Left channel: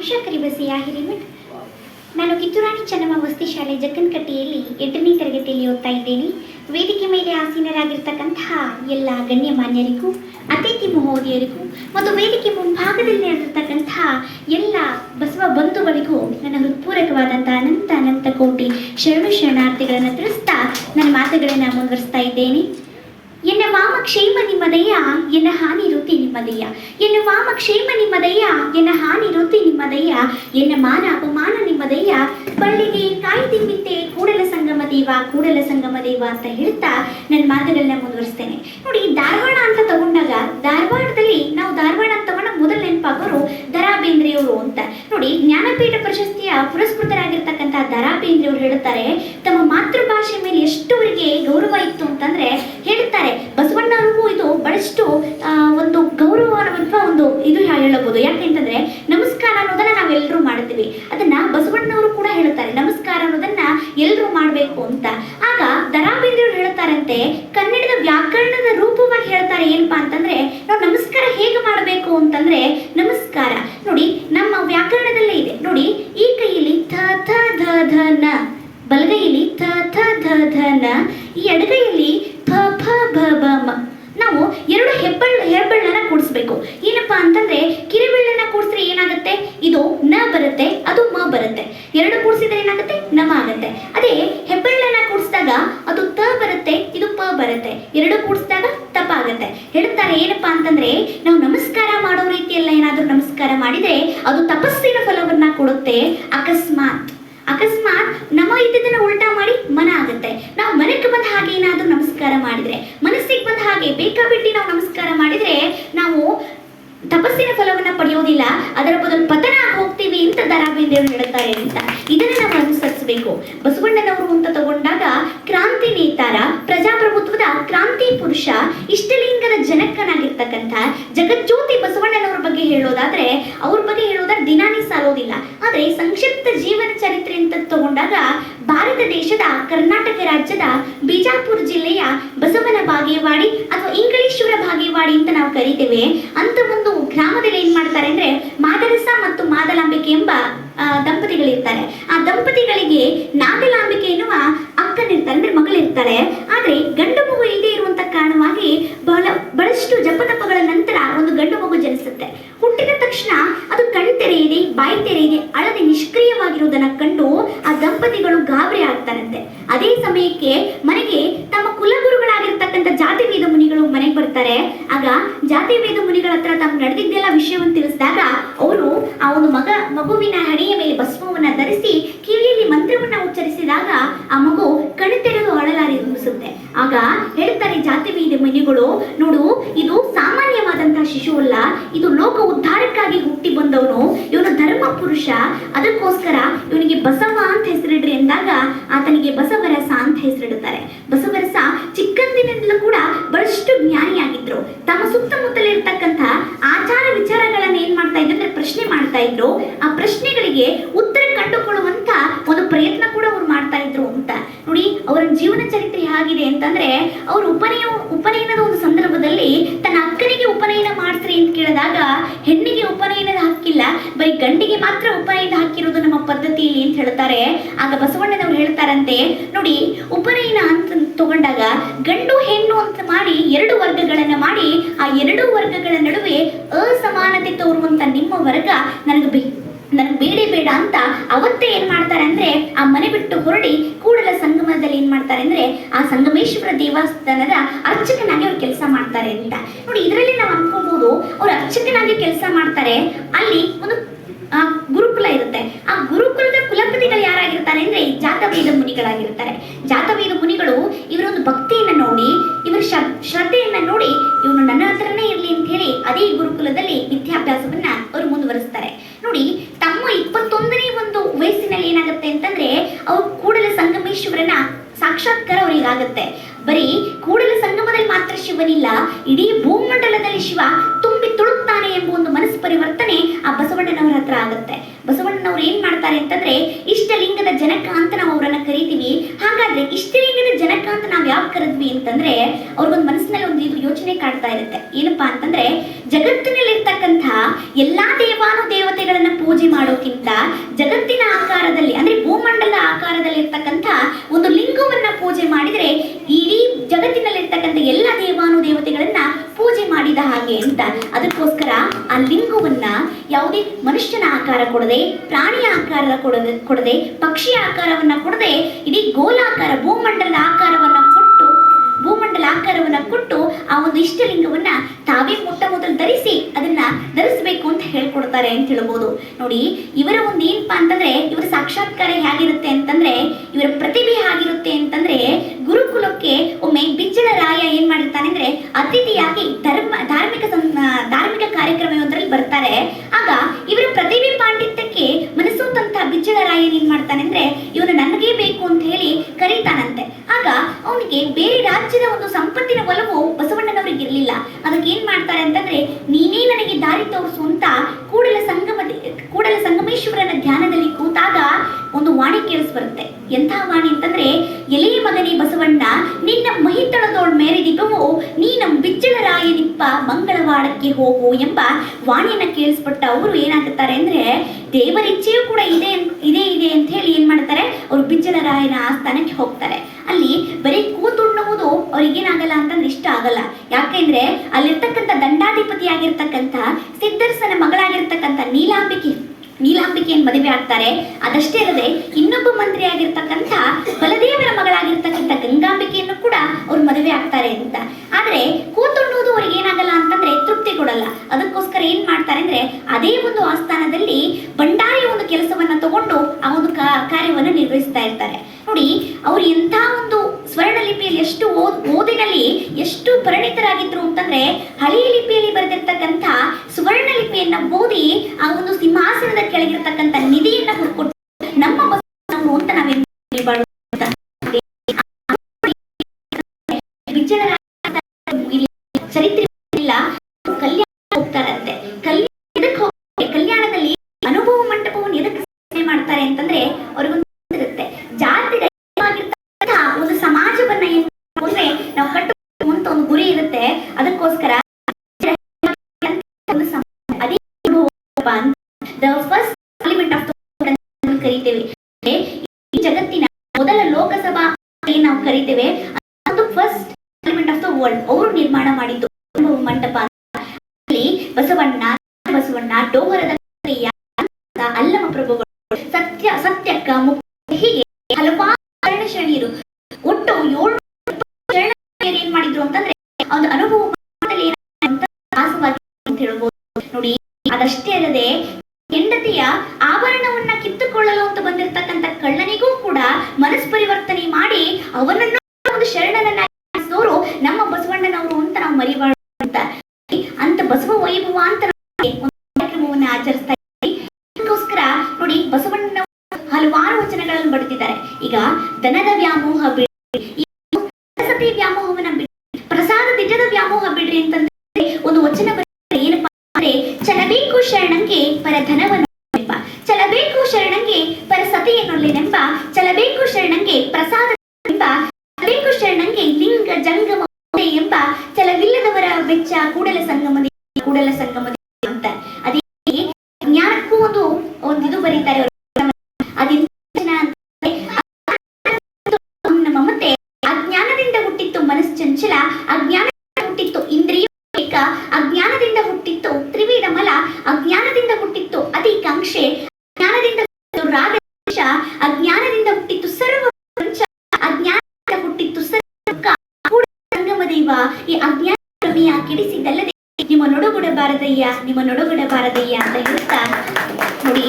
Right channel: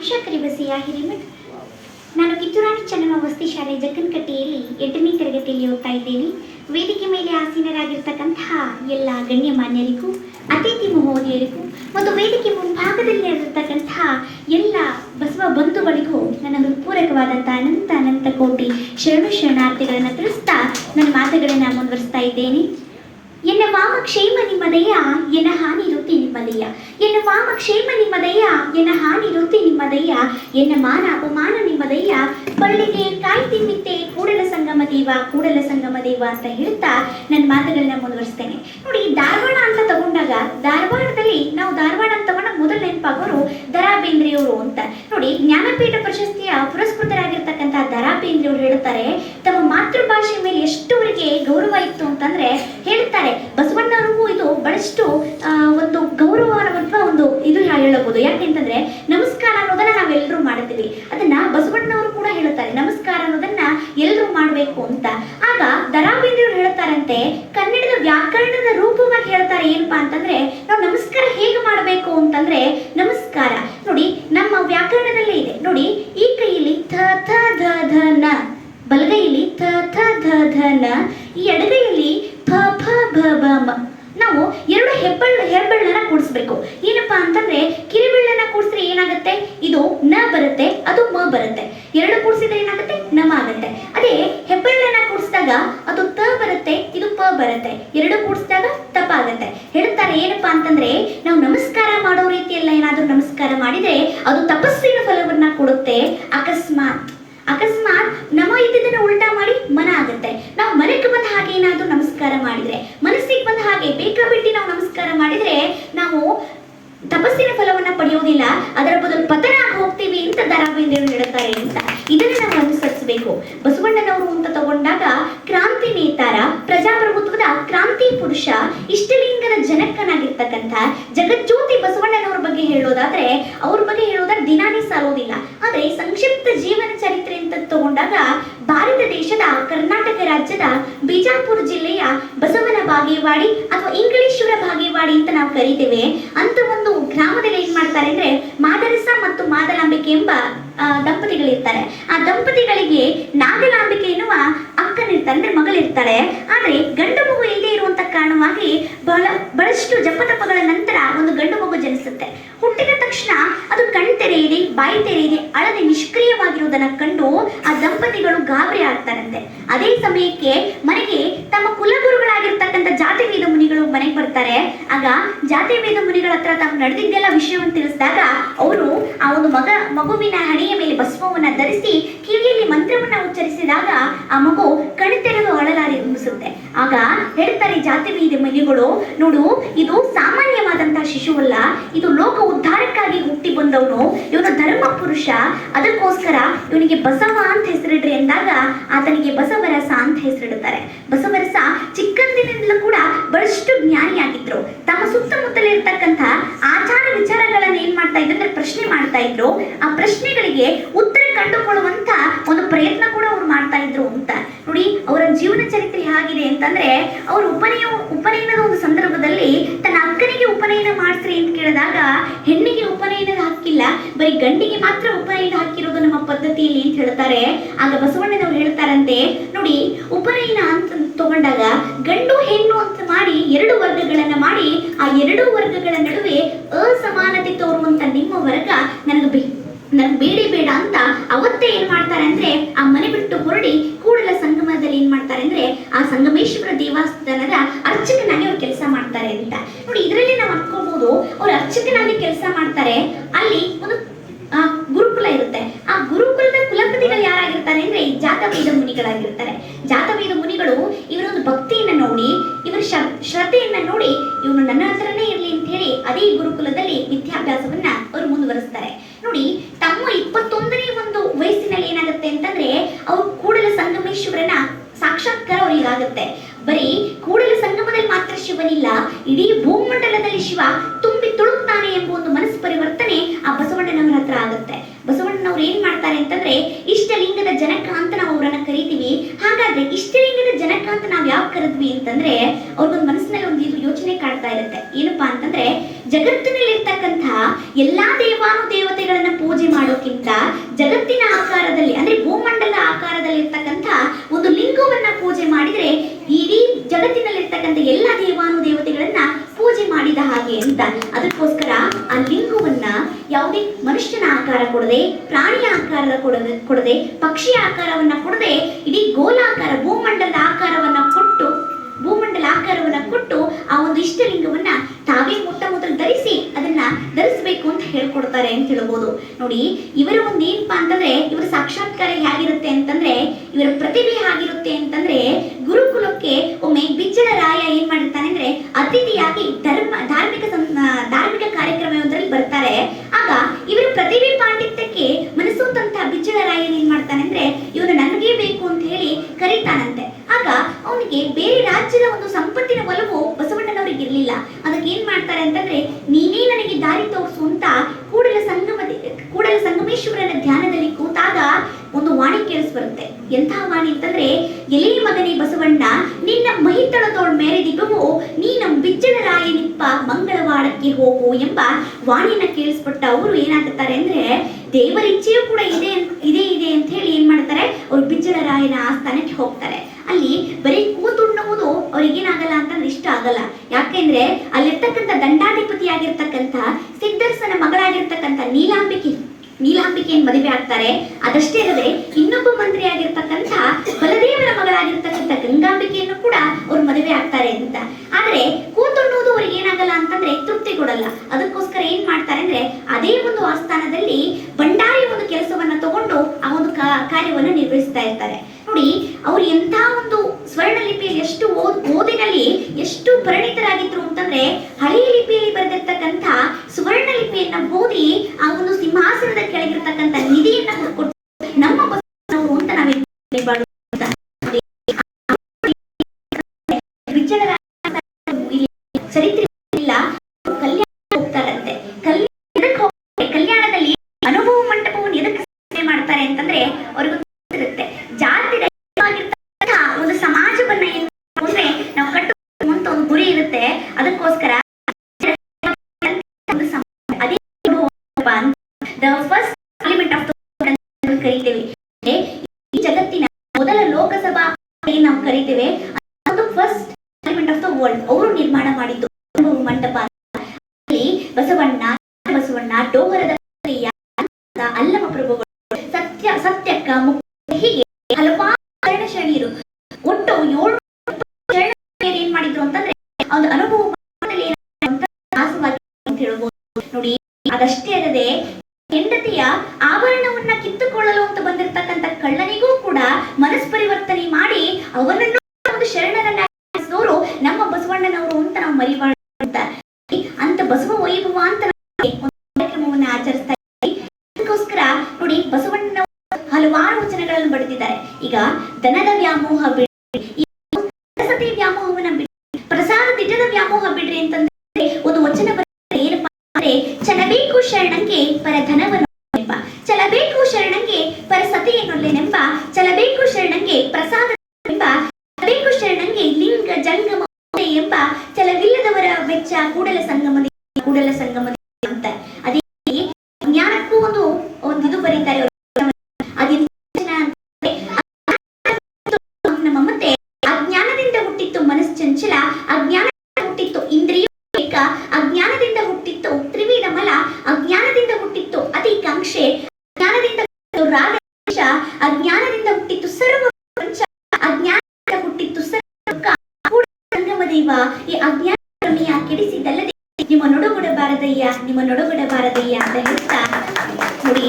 ಆಶಾ ಕರಿಬಸಿಯ ಹಿರೇಮಠ್. ನಾನು ಕಿತ್ತೂರಾಣಿ ಚೆನ್ನಮ್ಮ ವಸತಿ ಶಾಲೆ ಜಕ್ಕನಕಟ್ಟೆಯಲ್ಲಿ 8ನೇ ತರಗತಿಯಲ್ಲಿ ಓದ್ತಾ ಇದ್ದೇನೆ. ವೇದಿಕೆ ಮೇಲೆ ಆಸೀನರಾಗಿರ್ತಕ್ಕಂತಹ ಎಲ್ಲ ಗಣ್ಯಮಾನ್ಯರಿಗೂ, ಅತಿಥಿ ಮಹೋದಯರಿಗೂ ಮತ್ತು ವೇದಿಕೆ ಮುಂಭಾಗದಲ್ಲಿ ನಡೆದಿರ್ತಕ್ಕಂತಹ ಎಲ್ಲ ಬಸವ ಬಂಧುಗಳಿಗೂ ನನ್ನ ಹೃತ್ಪೂರ್ವಕವಾದಂತಹ ಅನಂತ ಕೋಟಿ ಶರಣಾರ್ಥಿಗಳನ್ನು ತಿಳಿಸ್ತಾ ನನ್ನ ಮಾತುಗಳನ್ನು ಮುಂದುವರಿಸ್ತಾ ಇದ್ದೇನೆ. ಎನ್ನ ವಾಮ ಕ್ಷೇಮ ನಿಮ್ಮದಯ್ಯ, ಎನ್ನ ಹಾನಿ ರುತಿ ನಿಮ್ಮದಯ್ಯ. ಎನ್ನ ವಾಮ ಕ್ಷೇಮ ನಿಮ್ಮದಯ್ಯ, ಎನ್ನ ಹಾನಿ ರುತಿ ನಿಮ್ಮದಯ್ಯ. ಎನ್ನ ಮಾನ ಅಪಮಾನ ನಿಮ್ಮದಯ್ಯ, ಬಳ್ಳಿಗೆ ಕಾಯಿ ತಿನ್ನಿತ್ತೆ ಕೂಡಲ ಸಂಗಮ ದೇವ, ಕೂಡಲ ಸಂಗಮ ದೇವ ಅಂತ ಹೇಳ್ತಾ ನನ್ನ ಮಾತುಗಳನ್ನ ಮುಂದುವರಿಸ್ತೇನೆ. ನೋಡಿ, ಧಾರವಾಡ ಅಂತ ತಗೊಂಡಾಗ ಧಾರವಾಡದಲ್ಲಿ ನಾವು ಧಾರವಾಡ ಅಂತ ತಗೊಂಡ ಮೊದಲು ನೆನಪಾಗೋರು ದರಾ ಬೇಂದ್ರೆಯವರು ಅಂತ. ನೋಡಿ, ಜ್ಞಾನಪೀಠ ಪ್ರಶಸ್ತಿಯ ಪುರಸ್ಕೃತರಾಗಿರ್ತಕ್ಕಂತಹ ದರಾ ಬೇಂದ್ರೆಯವರು ಹೇಳ್ತಾರೆ, ತಮ್ಮ ಮಾತೃಭಾಷೆ ಮೇಲೆ ಎಷ್ಟುವರೆಗೆ ಗೌರವ ಇತ್ತು ಅಂತಂದ್ರೆ ಹೇಳ್ತಾರೆ, ಬಸವಣ್ಣವ್ರಿಗೂ ಇದು ಬಹಳಷ್ಟು ಒಂದು ಗೌರವವಾದ ಒಂದು ಇದು ಹೇಳಬಹುದು. ಯಾಕೆಂತಂದ್ರೆ ನಮಸ್ಕಾರ ಅನ್ನೋದನ್ನ ನಾವೆಲ್ಲರೂ ಮಾಡ್ತೀವಿ, ಅದನ್ನ ಬಸವಣ್ಣವರು ಕೂಡ ಹೇಳ್ತಾರೆ, ನಮಸ್ಕಾರ ಅನ್ನೋದನ್ನ ಎಲ್ಲರೂ ಮಾಡಬೇಕು ಅಂತ. ಆಗ ದರಾ ಬೇಂದ್ರೆಯವರು ಹೇಳ್ತಾರಂತೆ, ಕನ್ನಡದ ವ್ಯಾಕರಣದ ರೂಪವಾಗಿ ಹೇಳ್ತಾರೆ. ಏನಪ್ಪಾ ಅಂತಂದ್ರೆ ನಾವು ನಮಸ್ಕಾರ ಹೇಗೆ ಮಾಡಬೇಕು ಅಂತಂದ್ರೆ, ನಮಸ್ಕಾರ ನೋಡಿ ನಮ್ಮ ವ್ಯಾಕರಣದಲ್ಲೇ ಇದೆ. ನೋಡಿ, ಈ ಕೈಯಲ್ಲಿ ಥ ಥ ಧ ಧ ನ, ಬಲಗೈಯಲ್ಲಿ ಥ ಥ ಧ ಧ ನ, ಈ ಎಡಗೈಯಲ್ಲಿ ಫ ಫ ಭ ಬ ಮ. ನಾವು ಎರಡು ಹೆಬ್ಬೆಳ್ಳನ್ನ ಕೂಡಿಸ್ಬೇಕು. ಏನಪ್ಪಾ ಅಂತಂದ್ರೆ ಕಿರಿಬೆಳ್ಳನ್ನ ಕೂಡಿಸಿದ್ರೆ ಏನಾಗುತ್ತೆ, ಇದು ನ ಬರುತ್ತೆ, ಅದು ಮ ಬರುತ್ತೆ. ಎರಡು ಕೂಡಿಸಿದ್ರೆ ಏನಾಗುತ್ತೆ, ನಮ ಆಗುತ್ತೆ. ಅದೇ ಹೆಬ್ಬೆಳ್ಳನ್ನ ಕೂಡಿಸಿದಾಗ ಅದು ತ ಬರುತ್ತೆ, ಇದು ಪ ಬರುತ್ತೆ. ಎರಡು ಕೂಡಿಸಿದಾಗ ತಪ ಆಗುತ್ತೆ. ಹೇಳ್ತಾರೆ ಏನಪ್ಪಾ ಅಂತಂದ್ರೆ, ನಾವು ನಮಸ್ಕಾರ ಮಾಡೋ ರೀತಿಯಲ್ಲ ಏನಾದ್ರೂ ನಮಸ್ಕಾರ ಮಾಡಿದ್ರೆ ಅದು ತಪಸ್ಸಿನ ಫಲವನ್ನ ಕೊಡುತ್ತೆ. ಅಕಸ್ಮಾತ್ ನಮ ಇದ್ದದನ್ನ ಉಲ್ಟಾ ಮಾಡಿ ಮನ ಆಗುತ್ತೆ. ನಾವು ಮನಕ್ಕೆ ಬಂದ ಹಾಗೆ ಏನಾದ್ರೂ ನಮಸ್ಕಾರ ಮಾಡಿದ್ರೆ, ಮನಸ್ಸಿಗೆ ಬಂದ ಹಾಗೆ ಬೇಕಾಬಿಟ್ಟಿ ನಾವು ನಮಸ್ಕಾರ ಮಾಡಿದ್ರೆ ನಾವು ತಪಸ್ಸಿನ ಫಲವನ್ನ ಪಡೆಯೋದಿಲ್ಲ, ಅದರ ಬದಲು ಪತನ ಹೋಗ್ತೀವಿ ಅಂತ ದರಾ ಬೇಂದ್ರೆಯವರು ಹೇಳ್ತಾರೆ ಅಂತ. ಇದನ್ನೇ ನಾವು ಅನುಸರಿಸಬೇಕು. ಬಸವಣ್ಣನವರು ಅಂತ ತಗೊಂಡಾಗ ಕ್ರಾಂತಿ ನೇತಾರ, ಪ್ರಜಾಪ್ರಭುತ್ವದ ಕ್ರಾಂತಿ ಪುರುಷ, ಇಷ್ಟಲಿಂಗದ ಜನಕನಾಗಿರ್ತಕ್ಕಂಥ ಜಗಜ್ಯೋತಿ ಬಸವಣ್ಣನವರ ಬಗ್ಗೆ ಹೇಳೋದಾದ್ರೆ ಅವ್ರ ಬಗ್ಗೆ ಹೇಳೋದಾದ್ರೆ ದಿನಾನೇ ಸಾಲೋದಿಲ್ಲ. ಆದ್ರೆ ಸಂಕ್ಷಿಪ್ತ ಜೀವನ ಚರಿತ್ರೆ ಅಂತ ತಗೊಂಡಾಗ ಭಾರತ ದೇಶದ ಕರ್ನಾಟಕ ರಾಜ್ಯದ ಬಿಜಾಪುರ ಜಿಲ್ಲೆಯ ಬಸವನ ಬಾಗೇವಾಡಿ ಅಥವಾ ಇಂಗಳೇಶ್ವರ ಬಾಗೇವಾಡಿ ಅಂತ ನಾವು ಕರಿತೇವೆ ಅಂತ ಒಂದು ಗ್ರಾಮದಲ್ಲಿ ಏನ್ ಮಾಡ್ತಾರೆ ಅಂದ್ರೆ, ಮಾದರಸ ಮತ್ತು ಮಾದಲಾಂಬಿಕೆ ಎಂಬ ದಂಪತಿಗಳಿರ್ತಾರೆ. ಆ ದಂಪತಿಗಳಿಗೆ ನಾಗಲಾಂಬಿಕೆ ಎನ್ನುವ ಅಕ್ಕನಿರ್ತಾರೆ, ಅಂದ್ರೆ ಮಗಳಿರ್ತಾಳೆ. ಆದ್ರೆ ಗಂಡು ಮಗು ಇಲ್ಲದೆ ಇರುವಂತ ಕಾರಣವಾಗಿ ಬಹಳಷ್ಟು ಜಪತಪಗಳ ನಂತರ ಒಂದು ಗಂಡು ಮಗು ಜನಿಸುತ್ತೆ. ಹುಟ್ಟಿದ ತಕ್ಷಣ ಅದು ಕಣ್ ತೆರೆಯಿದೆ, ಬಾಯಿ ತೆರೆಯಿದೆ, ಅಳದೆ ನಿಷ್ಕ್ರಿಯವಾಗಿರುವುದನ್ನ ಕಂಡು ಆ ದಂಪತಿಗಳು ಗಾಬರಿ ಆಗ್ತಾರಂತೆ. ಅದೇ ಸಮಯಕ್ಕೆ ಮನೆಗೆ ತಮ್ಮ ಕುಲಗುರುಗಳಾಗಿರ್ತಕ್ಕಂಥ ಜಾತಿವೇದ ಮುನಿಗಳು ಮನೆಗೆ ಬರ್ತಾರೆ. ಆಗ ಜಾತಿವೇದ ಮುನಿಗಳ ಹತ್ರ ತಾವು ನಡೆದಿದ್ದೆಲ್ಲ ವಿಷಯವನ್ನು ತಿಳಿಸಿದಾಗ ಅವರು ಆ ಒಂದು ಮಗುವಿನ ಹಣೆಯ ಮೇಲೆ ಭಸ್ಮವನ್ನ ಧರಿಸಿ ಕಿವಿಯಲ್ಲಿ ಮಂತ್ರವನ್ನ ಉಚ್ಚರಿಸಿದಾಗ ಆ ಮಗು ಕಣ್ ತೆರೆದು ಅಳಲಾರಂಭಿಸುತ್ತೆ. ಆಗ ಹೇಳ್ತಾರೆ ಜಾತಿವೇದ ಮುನಿಗಳು, ನೋಡು, ಇದು ಸಾಮಾನ್ಯವಾದಂತಹ ಶಿಶುವಲ್ಲ, ಇದು ಲೋಕ ಉದ್ಧಾರಕ್ಕಾಗಿ ಹುಟ್ಟಿ ಬಂದವನು, ಇವನು ಧರ್ಮ ಪುರುಷ, ಅದಕ್ಕೋಸ್ಕರ ಇವನಿಗೆ ಬಸವ ಅಂತ ಹೆಸರಿಡ್ರಿ ಎಂದಾಗ ಆತನಿಗೆ ಬಸವರಸ ಅಂತ ಹೆಸರಿಡುತ್ತಾರೆ. ಬಸವರಸ ಚಿಕ್ಕಂದಿನಿಂದಲೂ ಕೂಡ ಬಹಳಷ್ಟು ಜ್ಞಾನಿಯಾಗಿದ್ರು. ತಮ್ಮ ಸುತ್ತಮುತ್ತಲಿರ್ತಕ್ಕಂಥ ಆಚಾರ ವಿಚಾರಗಳನ್ನ ಏನ್ ಮಾಡ್ತಾ ಇದ್ರು ಅಂದ್ರೆ ಪ್ರಶ್ನೆ ಮಾಡ್ತಾ ಇದ್ರು. ಆ ಪ್ರಶ್ನೆಗಳಿಗೆ ಉತ್ತರ ಕಂಡುಕೊಳ್ಳುವಂತ ಒಂದು ಪ್ರಯತ್ನ ಕೂಡ ಅವ್ರು ಮಾಡ್ತಾ ಇದ್ರು ಅಂತ. ನೋಡಿ, ಅವರ ಜೀವನ ಚರಿತ್ರೆ ಹೇಗಿದೆ ಅಂತಂದ್ರೆ, ಅವರು ಉಪನಯನದ ಒಂದು ಸಂದರ್ಭದಲ್ಲಿ ತನ್ನ ಅಕ್ಕನಿಗೆ ಉಪನಯನ ಮಾಡ್ಸ್ರಿ ಅಂತ ಕೇಳಿದಾಗ ಹೆಣ್ಣಿಗೆ ಉಪನಯನದ ಹಕ್ಕಿಲ್ಲ, ಬರೀ ಗಂಡಿಗೆ ಮಾತ್ರ ಉಪನಯನ ಹಾಕಿರೋದು ನಮ್ಮ ಪದ್ಧತಿಯಲ್ಲಿ ಅಂತ ಹೇಳ್ತಾರೆ. ಆಗ ಬಸವಣ್ಣನವರು ಹೇಳ್ತಾರಂತೆ, ನೋಡಿ, ಉಪನಯನ ಅಂತ ತಗೊಂಡಾಗ ಗಂಡು ಹೆಣ್ಣು ಅಂತ ಮಾಡಿ ಎರಡು ವರ್ಗಗಳನ್ನ ಮಾಡಿ ಆ ಎರಡು ವರ್ಗಗಳ ನಡುವೆ ಅಸಮಾನತೆ ತೋರುವಂತ ನಿಮ್ಮ ವರ್ಗ ನನಗೆ ಬೇಡ ಅಂತ ಅವತ್ತೇ ಏನ್ ಮಾಡ್ತಾರೆ ಅಂದ್ರೆ ಆ ಮನೆ ಬಿಟ್ಟು ಹೊರಡಿ ಕೂಡಲ ಸಂಗಮದಲ್ಲಿ ಏನ್ ಮಾಡ್ತಾರೆ ಅಂದ್ರೆ ಆ ಸಂಗಮೇಶ್ವರ ದೇವಸ್ಥಾನದ ಅರ್ಚಕನಾಗಿ ಅವ್ರು ಕೆಲಸ ಮಾಡ್ತಾರೆ ಅಂತ. ನೋಡಿ, ಇದರಲ್ಲಿ ನಾವು ಅನ್ಕೋಬಹುದು, ಅವ್ರು ಅರ್ಚಕನಾಗಿ ಕೆಲಸ ಮಾಡ್ತಾರೆ. ಅಲ್ಲಿ ಒಂದು ಗುರುಕುಲ ಇರುತ್ತೆ. ಆ ಗುರುಕುಲದ ಕುಲಪತಿಗಳು ಯಾರಾಗಿರ್ತಾರೆ ಅಂದ್ರೆ ಜಾತವೇದ ಮುನಿಗಳಾಗಿರ್ತಾರೆ. ಜಾತವೇದ ಮುನಿಗಳು ಇವರೊಂದು ಭಕ್ತಿಯನ್ನ ನೋಡಿ, ಇವರ ಶ್ರದ್ಧೆಯನ್ನ ನೋಡಿ, ಇವನು ನನ್ನ ಹತ್ರನೇ ಇರ್ಲಿ ಅಂತ ಹೇಳಿ ಅದೇ ಗುರುಕುಲದಲ್ಲಿ ವಿದ್ಯಾಭ್ಯಾಸವನ್ನ ಅವರು ಮುಂದುವರಿಸ್ತಾರೆ. ನೋಡಿ, ತಮ್ಮ 21ನೇ ಒಂದು ವಯಸ್ಸಿನಲ್ಲಿ ಏನಾಗುತ್ತೆ ಅಂತಂದ್ರೆ ಅವ್ರು ಕೂಡಲ ಸಂಗಮೇಶ್ವರನ ಸಾಕ್ಷಾತ್ಕಾರ ಅವರಿಗೆ ಆಗುತ್ತೆ. ಬರೀ ಕೂಡಲ ಸಂಗಮದಲ್ಲಿ ಮಾತ್ರ ಶಿವನಿಲ್ಲ, ಇಡೀ ಭೂಮಂಡಲದಲ್ಲಿ ಶಿವ ತುಂಬಿ ತುಳುಕ್ತಾನೆ ಎಂಬ ಒಂದು ಮನಸ್ಸು ಪರಿವರ್ತನೆ ಆ ಬಸವಣ್ಣನವರ ಹತ್ರ ಆಗುತ್ತೆ. ಬಸವಣ್ಣ ಬಸವಣ್ಣನವ್ರು ಏನ್ ಮಾಡ್ತಾರೆ ಅಂತಂದ್ರೆ ಇಷ್ಟಲಿಂಗದ ಜನಕ ಅಂತ ನಾವು ಅವರನ್ನ ಕರಿತೀವಿ. ಹಾಗಾದ್ರೆ ಇಷ್ಟಲಿಂಗದ ಜನಕ ಅಂತ ನಾವ್ ಯಾಕೆ ಕರೆದ್ವಿ ಅಂತಂದ್ರೆ ಅವ್ರಿಗೊಂದು ಮನಸ್ಸಿನಲ್ಲಿ ಒಂದು ಇದು ಯೋಚನೆ ಕಾಡ್ತಾ ಇರುತ್ತೆ. ಏನಪ್ಪಾ ಅಂತಂದ್ರೆ ಜಗತ್ತಿನಲ್ಲಿ ಇರ್ತಕ್ಕಂಥ ಎಲ್ಲಾ ದೇವಾನು ದೇವತೆಗಳನ್ನ ಪೂಜೆ ಮಾಡೋಕ್ಕಿಂತ ಜಗತ್ತಿನ ಆಕಾರದಲ್ಲಿ ಅಂದ್ರೆ ಭೂಮಂಡಲದ ಆಕಾರದಲ್ಲಿ ಇರ್ತಕ್ಕಂಥ ಒಂದು ಲಿಂಗವನ್ನ ಪೂಜೆ ಮಾಡಿದ್ರೆ ಇಡೀ ಜಗತ್ತಿನಲ್ಲಿರ್ತಕ್ಕಂಥ ಎಲ್ಲ ದೇವಾನು ದೇವತೆಗಳನ್ನ ಪೂಜೆ ಮಾಡಿದ ಹಾಗೆ ಅಂತ. ಅದಕ್ಕೋಸ್ಕರ ಆ ಲಿಂಗವನ್ನ ಯಾವುದೇ ಮನುಷ್ಯನ ಆಕಾರ ಕೊಡದೆ, ಪ್ರಾಣಿಯ ಆಕಾರ ಕೊಡದೆ, ಪಕ್ಷಿಯ ಆಕಾರವನ್ನ ಕೊಡದೆ ಇಡೀ ಗೋಲಾಕಾರ ಭೂಮಂಡಲದ ಆಕಾರವನ್ನ ಕೊಟ್ಟು ಆ ಒಂದು ಇಷ್ಟಲಿಂಗವನ್ನ ತಾವೇ ಮೊಟ್ಟ ಮೊದಲು ಧರಿಸಿ ಅದನ್ನ ಧರಿಸಬೇಕು ಅಂತ ಹೇಳ್ಕೊಡ್ತಾರೆ ಅಂತ ಹೇಳ್ಬೋದು. ನೋಡಿ, ಇವರ ಒಂದು ಏನಪ್ಪಾ ಅಂತಂದ್ರೆ ಇವರ ಸಾಕ್ಷಾತ್ಕಾರ ಹೇಗಿರುತ್ತೆ ಅಂತಂದ್ರೆ ಇವರ ಪ್ರತಿಭೆ ಹೇಗಿರುತ್ತೆ ಅಂತಂದ್ರೆ ಗುರುಕುಲಕ್ಕೆ ಒಮ್ಮೆ ಬಿಜ್ಜಳ ರಾಯ ಏನ್ ಮಾಡಿರ್ತಾನೆ ಅಂದ್ರೆ ಅತಿಥಿಯಾಗಿ ಧಾರ್ಮಿಕ ಕಾರ್ಯಕ್ರಮವೊಂದರಲ್ಲಿ ಬರ್ತಾರೆ. ಆಗ ಇವರ ಪ್ರತಿಭೆ ಪಾಂಡಿತ್ಯಕ್ಕೆ ಮನಸ್ಸೋತಂತ ಬಿಜ್ಜಳ ರಾಯನ್ ಏನ್ ಮಾಡ್ತಾನೆ ಅಂದ್ರೆ ಇವನು ನನಗೇ ಬೇಕು ಅಂತ ಹೇಳಿ ಕರೀತಾನಂತೆ. ಆಗ ಅವನಿಗೆ ಬೇರೆ ರಾಜ್ಯದ ಒಂದು ಸಂಪತ್ತಿನ ಒಲವು ಬಸವಣ್ಣನವರಿಗೆ ಇರಲಿಲ್ಲ. ಅದಕ್ಕೆ ಏನ್ ಮಾಡ್ತಾರೆ ಅಂತಂದ್ರೆ ನೀನೇ ನನಗೆ ದಾರಿ ತೋರಿಸು ಅಂತ ಕೂಡಲ ಸಂಗಮೇಶ್ವರನ ಧ್ಯಾನದಲ್ಲಿ ಕೂತಾಗ ಒಂದು ವಾಣಿ ಕೇಳಿಸ್ಬರುತ್ತೆ. ಎಂಥ ವಾಣಿ ಅಂತಂದ್ರೆ ಎಲೆಯ ಮಗನೇ ಬಸವಣ್ಣ ನಿನ್ನ ಮಹಿತಳದೋಳ್ ಮೇರೆದಿಗವು ನೀನ ಬಿಜ್ಜಳರಾಯನಿಪ್ಪ ಮಂಗಳವಾಡಕ್ಕೆ ಹೋಗು ಎಂಬ ವಾಣಿಯನ್ನ ಕೇಳಿಸ್ಬಿಟ್ಟ ಅವರು ಏನಾಗುತ್ತಾರೆ ಅಂದ್ರೆ ದೇವರಿಚ್ಛೆಯೂ ಕೂಡ ಇದೆ ಅಂತ ಹೇಳಿ ಏನ್ ಮಾಡ್ತಾರೆ, ಅವರು ಬಿಜ್ಜಳರಾಯನ ಆಸ್ಥಾನಕ್ಕೆ ಹೋಗ್ತಾರೆ. ಅಲ್ಲಿ ಬರೀ ಕೂತುಣ್ಣುವುದು ಅವ್ರಿಗೇನಾಗಲ್ಲ ಅಂತಂದ್ರೆ ಇಷ್ಟ ಆಗಲ್ಲ. ಯಾಕೆಂದ್ರೆ ಅಲ್ಲಿರ್ತಕ್ಕಂಥ ದಂಡಾಧಿಪತಿ ಆಗಿರ್ತಕ್ಕಂಥ ಸಿದ್ಧರ್ಸನ ಮಗಳಾಗಿರ್ತಕ್ಕಂಥ ನೀಲಾಂಬಿಕೆಯನ್ನು ಮದುವೆ ಆಗ್ತಾರೆ. ಅದಷ್ಟೇ ಅಲ್ಲದೆ ಇನ್ನೊಬ್ಬ ಮಂತ್ರಿ ಆಗಿರ್ತಕ್ಕಂಥ ಬಲದೇವರ ಮಗಳಾಗಿರ್ತಕ್ಕಂಥ ಗಂಗಾಂಬಿಕೆಯನ್ನು ಕೂಡ ಅವ್ರು ಮದುವೆ ಆಗ್ತಾರೆ ಅಂತ. ಆದ್ರೆ ಕೂತುಣ್ಣುವುದು ಅವ್ರಿಗೆ ಏನಾಗಲ್ಲ ಅಂತಂದ್ರೆ ತೃಪ್ತಿ ಕೊಡಲ್ಲ. ಅದಕ್ಕೋಸ್ಕರ ಏನ್ ಮಾಡ್ತಾರೆ ಅಂದ್ರೆ ಅದೇ ಒಂದು ಆಸ್ಥಾನದಲ್ಲಿ ಭಂಡಾರಿ ಒಂದು ಕೆಲಸವನ್ನ ತಗೊಂಡು ಆ ಒಂದು ಕಾರ್ಯವನ್ನು ನಿರ್ವಹಿಸ್ತಾ ಇರ್ತಾರೆ. ನೋಡಿ, ಅವ್ರು ಎಂಥ ಒಂದು ಸ್ವರ್ಣ ಲಿಪಿಯಲ್ಲಿ ಓದಿನಲ್ಲಿ ಎಷ್ಟು ಪರಿಣಿತರಾಗಿದ್ರು ಅಂತಂದ್ರೆ ಹಳೆಯ ಲಿಪಿಯಲ್ಲಿ ಬರೆದಿರ್ತಕ್ಕಂಥ ಸುವರ್ಣ ಲಿಪಿಯನ್ನ ಓದಿ ಆ ಒಂದು ಸಿಂಹಾಸನದ ಕೆಳಗಿರ್ತಕ್ಕಂಥ ನಿಧಿಯನ್ನ ಕೊಟ್ಟು ನಮ್ಮ ಬಸವಣ್ಣನವರು ಅಂತ ನಾವೇನ್ ಚರಿತ್ರೆ ಇಲ್ಲ. ಕಲ್ಯಾಣ ಹೋಗ್ತಾರಂತೆ. ಕಲ್ಯಾಣದಲ್ಲಿ ಅನುಭವ ಮಂಟಪವನ್ನು ಎದಕ್ಕೆ ಮಾಡ್ತಾರೆ ಅಂತಂದ್ರೆ ಅವ್ರಿಗೊಂದು ಇರುತ್ತೆ. ಜಾತಿ ಒಂದು ಸಮಾಜವನ್ನ ಏನ್ರೆ ನಾವು ಕಟ್ಟುವಂತ ಒಂದು ಗುರಿ ಇರುತ್ತೆ. ಅದಕ್ಕೋಸ್ಕರ ಕರಿತೇವೆ. ಈ ಜಗತ್ತಿನ ಮೊದಲ ಲೋಕಸಭಾ ನಾವು ಕರಿತೇವೆ. First parliament of the world ಅವರು ನಿರ್ಮಾಣ ಮಾಡಿದ್ದು ಮಂಟಪ. ಅಲ್ಲಿ ಬಸವಣ್ಣ ಡೋಗರದ ಅಲ್ಲಮ ಪ್ರಭುಗಳು, ಸತ್ಯಕ್ಕ ಹೀಗೆ ಹಲವಾರು ಶರಣೀಯರು ಒಟ್ಟು 7 ಏನ್ ಮಾಡಿದ್ರು ಅಂತಂದ್ರೆ ಒಂದು ಅನುಭವ ಅಂತ ಹೇಳ್ಬೋದು. ನೋಡಿ, ಅದಷ್ಟೇ ಅಲ್ಲದೆ ಹೆಂಡತಿಯ ಆಭರಣವನ್ನ ಕಿತ್ತುಕೊಳ್ಳಲು ಅಂತ ಬಂದಿರತಕ್ಕಂಥ ಕಳ್ಳನಿಗೂ ಕೂಡ ಮನಸ್ ಪರಿವರ್ತನೆ ಮಾಡಿ ಅವನನ್ನು ಒಂದು ಶರಣನನ್ನಾಗಿಸಿದವರು ನಮ್ಮ ಬಸವಣ್ಣನವರು ಅಂತ ನಾವು ಮರಿಬಾರ್ದು ಅಂತ ಬಸವ ವೈಭವ ಅಂತ ಕಾರ್ಯಕ್ರಮವನ್ನು ಆಚರಿಸ್ತಾ ಇದ್ದೀವಿ. ಅದಕ್ಕೋಸ್ಕರ ನೋಡಿ, ಬಸವಣ್ಣನವರು ಹಲವಾರು ವಚನಗಳನ್ನು ಬರೆದಿದ್ದಾರೆ. ಈಗ ದನದ ವ್ಯಾಮೋಹ ಬಿಡ್ರಿ, ಸತಿ ವ್ಯಾಮೋಹವನ್ನ ಬಿಡ್ರಿ, ಪ್ರಸಾದ ದಿಟದ ವ್ಯಾಮೋಹ ಬಿಡ್ರಿ ಅಂತಂದ್ರೆ ಒಂದು ವಚನ ಏನಪ್ಪಾ ಅಂದ್ರೆ ಚಲಬೇಕು ಶರಣಂಗೆ ಪರ ಧನವನ್ನು ಚಲಬೇಕು ಶರಣಂಗೆ ಪರ ಸತಿಯನ್ನೊಲ್ಲೆನೆಂಬ ಚಲಬೇಕು ಶರಣಂಗೆ ಪ್ರಸಾದ ಚಲಬೇಕು ಶರಣಂಗೆ ಲಿಂಗ ಜಂಗಮ ಎಂಬ ಚಲವಿಲ್ಲದವರ ವೆಚ್ಚ ಕೂಡಲ ಸಂಗಮದಿ ಅಂತ. ಅದೇ ಜ್ಞಾನಕ್ಕೂ ಒಂದು ಇದು ಬರೀತಾರೆ. ಮಮತೆ ಅಜ್ಞಾನದಿಂದ ಹುಟ್ಟಿತ್ತು ಮನಸ್ಸು ಚಂಚಲ, ಅಜ್ಞಾನದಿಂದ ಹುಟ್ಟಿತ್ತು ಇಂದ್ರಿಯ ಅಜ್ಞಾನದಿಂದ ಹುಟ್ಟಿತ್ತು ತ್ರಿವಿಧ ಮಲ, ಅಜ್ಞಾನದಿಂದ ಹುಟ್ಟಿತ್ತು ಅತಿ ಕಾಂಕ್ಷೆ, ಅಜ್ಞಾನದಿಂದ ರಾಗದೇಶ, ಅಜ್ಞಾನದಿಂದ ಹುಟ್ಟಿತ್ತು ಸರ್ವ ಪ್ರಪಂಚ, ಅಜ್ಞಾನದಿಂದ ಹುಟ್ಟಿತ್ತು ಸರ್ವ ಸಂಗಮದೇವ. ಈ ಅಜ್ಞಾನ ಕೆಡಿಸಿದ್ದಲ್ಲದೆ ನಿಮ್ಮ ನೊಡಗುಡಬಾರದಯ್ಯ ಅಂತ ಹೇಳ್ತಾ ನೋಡಿ,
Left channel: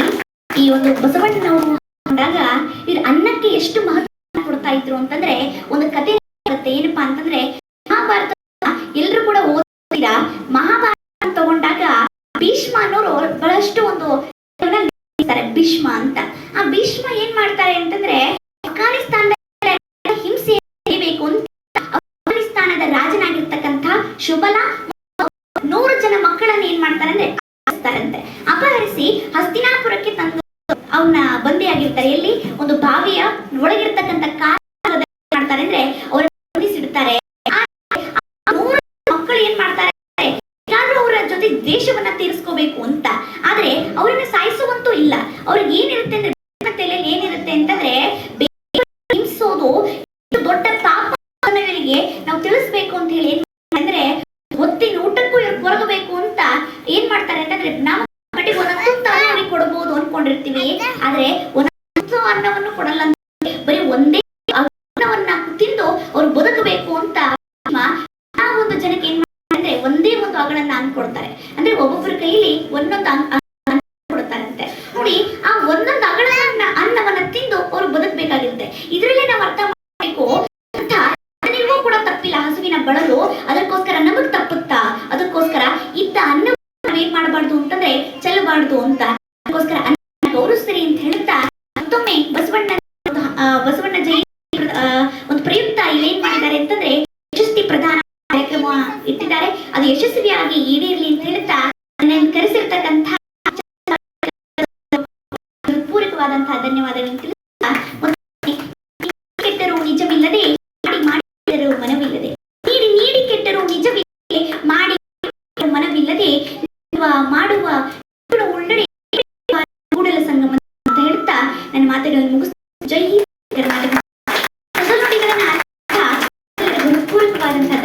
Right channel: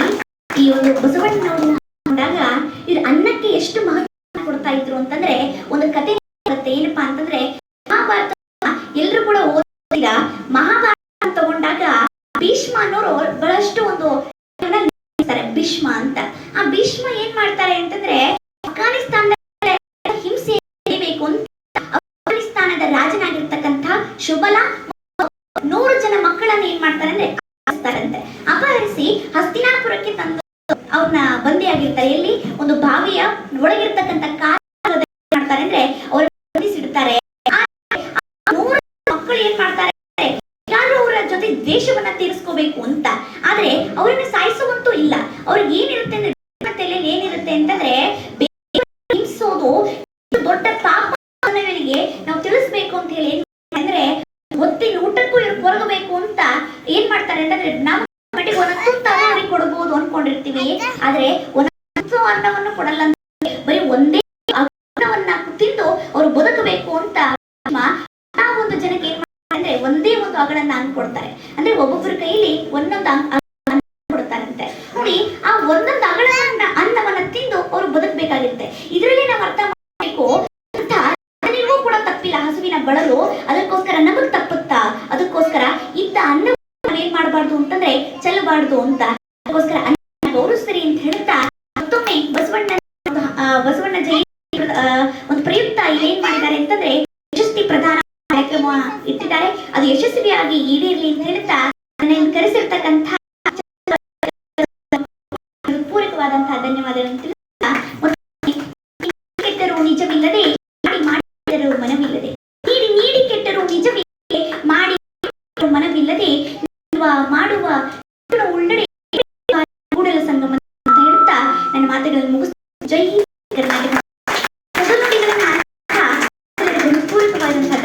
ಈ ಒಂದು ಬಸವಣ್ಣನವರು ಅಂದಾಗ ಇವ್ರು ಅನ್ನಕ್ಕೆ ಎಷ್ಟು ಮಹತ್ವ ಕೊಡ್ತಾ ಇದ್ರು ಅಂತಂದ್ರೆ ಒಂದು ಕತೆ ಬರುತ್ತೆ. ಏನಪ್ಪಾ ಅಂತಂದ್ರೆ ಮಹಾಭಾರತ ಎಲ್ರು ಕೂಡ ಓದಿದ ಮಹಾಭಾರತ ತಗೊಂಡಾಗ ಭೀಷ್ಮ ಅನ್ನೋರು ಬಹಳಷ್ಟು ಒಂದು ಭೀಷ್ಮ ಅಂತ. ಆ ಭೀಷ್ಮ ಏನ್ ಮಾಡ್ತಾರೆ ಅಂತಂದ್ರೆ ಅಫ್ಘಾನಿಸ್ತಾನದ ಹಿಂಸೆ ಬೇಕು ಅಂತ ಅಫ್ಘಾನಿಸ್ತಾನದ ರಾಜನಾಗಿರ್ತಕ್ಕಂಥ ಶುಬಲ 100 ಜನ ಮಕ್ಕಳನ್ನ ಏನ್ ಮಾಡ್ತಾರೆ ಅಂದ್ರೆ ಅಪಹರಿಸಿ ಹಸ್ತಿನಾಪುರಕ್ಕೆ ತಂದು ಅವ್ರಿಗೆ ಏನಿರುತ್ತೆ ಅಂದ್ರೆ ತಲೆಯಲ್ಲಿ ಏನಿರುತ್ತೆ ಅಂತಂದ್ರೆ ಹಿಂಸೋದು ದೊಡ್ಡ ಪಾಪ ನಾವು ತಿಳಿಸ್ಬೇಕು ಅಂತ ಹೇಳಿ ಅಂದ್ರೆ ಹೊತ್ತಿನ ಊಟಕ್ಕೂ ಇವ್ರು ಕೊರಗಬೇಕು ಅಂತ ಏನ್ ಮಾಡ್ತಾರೆ ಅಂತಂದ್ರೆ ನಾವು ಮಟ್ಟಿಗೆ ಒಂದೊಂದು ಅವ್ರಿಗೆ ಕೊಡಬಹುದು ಅನ್ಕೊಂಡಿರ್ತೀವಿ, ಆದ್ರೆ ಒಂದೊಂದು ಅನ್ನವನ್ನು ಕೊಡಲ್ಲ, ಬರೀ ಒಂದೇ ಅನ್ನವನ್ನ ತಿಂದು ಅವ್ರು ಬದುಕಬೇಕು ಅಂತ ಆ ಒಂದು ಜನಕ್ಕೆ ಏನ್ ಮಾಡ್ತಾರೆ ಒಂದೇ ಒಂದು ಅಗಳನ್ನ ಅನ್ಕೊಡ್ತಾರೆ. ಅಂದ್ರೆ ಒಬ್ಬೊಬ್ಬರ ಕೈಲಿ ಒಂದೊಂದು ಕೊಡ್ತಾರಂತೆ ನೋಡಿ. ಆ ಒಂದೊಂದು ಅಗಳನ್ನ ಅನ್ನವನ್ನ ತಿಂದು ಅವ್ರು ಬದುಕಬೇಕಾಗಿರುತ್ತೆ. ಇದರಲ್ಲಿ ನಾವು ಅರ್ಥ ಮಾಡಬೇಕು ಕೂಡ ತಪ್ಪಿಲ್ಲ ಹಸುವಿನ ಬಳಲು, ಅದಕ್ಕೋಸ್ಕರ ನಮಗ್ ತಪ್ಪುತ್ತಾ, ಅದಕ್ಕೋಸ್ಕರ ಇದ್ದ ಅನ್ನ ಏನ್ ಮಾಡಬಾರ್ದು ಅಂತಂದ್ರೆ ಚೆಲ್ಲಬಾರ್ದು ಅಂತ, ಅದಕ್ಕೋಸ್ಕರ ಗೌರವಿಸ್ರಿ ಅಂತ ಹೇಳ್ತಾ ಮತ್ತೊಮ್ಮೆ ಬಸವಣ್ಣ ಜಯಂತಿ ಒಂದು ಪ್ರಯುಕ್ತ ಏನ್ ಮಾಡಿದ್ದಾರೆ ಅಂತಂದ್ರೆ ಯಶಸ್ವಿ ಪ್ರಧಾನ ಕಾರ್ಯಕ್ರಮ ಇಟ್ಟಿದ್ದಾರೆ. ಅದು ಯಶಸ್ವಿಯಾಗಿ ಈಡೇರ್ಲಿ ಅಂತ ಹೇಳ್ತಾ ನನ್ನನ್ನು ಕರೆಸಿರ್ತಕ್ಕಂಥ ಪೂರಕವಾದಂತಹ ಧನ್ಯವಾದಗಳನ್ನು ತಿಳಿಸ್ತಾ ಕೆಟ್ಟರು ನಿಜವಿಲ್ಲದೆ ಮಾಡಿದರು ಮನವಿಲ್ಲದೆ ನೀಡಿ ಕೆಟ್ಟರು ನಿಜವಿಲ್ಲದೆ ಮಾಡಿ ಮನವಿಲ್ಲದೆ ಮಾಡುವ ಉಳ್ಳಡೆ ಕೂಡಲ ಸಂಗಮ ಅಂತ ಹೇಳ್ತಾ ನನ್ನ ಮಾತುಗಳನ್ನು ಮುಗಿಸ್ತಾ ಜೈ ಹಿಂದ್ ಕರ್ನಾಟಕ. ಪೂರಕವಾದಂತಹ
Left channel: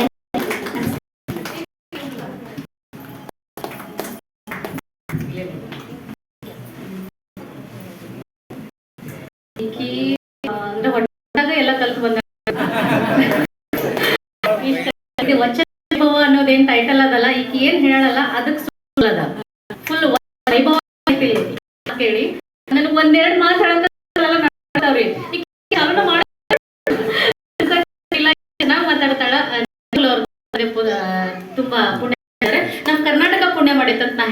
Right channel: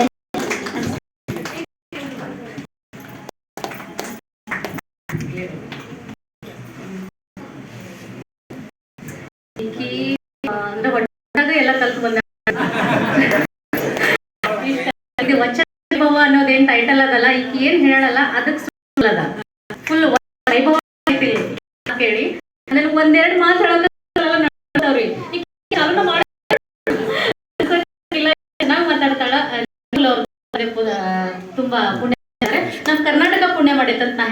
ಅಂದ್ರೆ ಹೊಟ್ಟಾಗ ಎಲ್ಲ ಕಲ್ತು ಬಂದ ವಚನ ಅನ್ನೋದೇನ್ ಟೈಟಲ್ ಅದಲ್ಲ, ಈಗ ಏನ್ ಹೇಳಲ್ಲ ಅದಕ್ಕೆ ಅದ ಫುಲ್ ವೈಭವ ಕೇಳಿ ಆಮೇಲೆ ಒಂದೆರಡು ಮಾತು ಹೇಳೋವ್ರಿ ಚೆನ್ನಾಗಿ ಮಾತಾಡ್ತಾಳ. ತುಂಬಾ ಪುಣ್ಯ ನಮ್ ಕರ್ನಾಟಕ ಪುಣ್ಯ ಮಾಡೈತಂತ ನಾ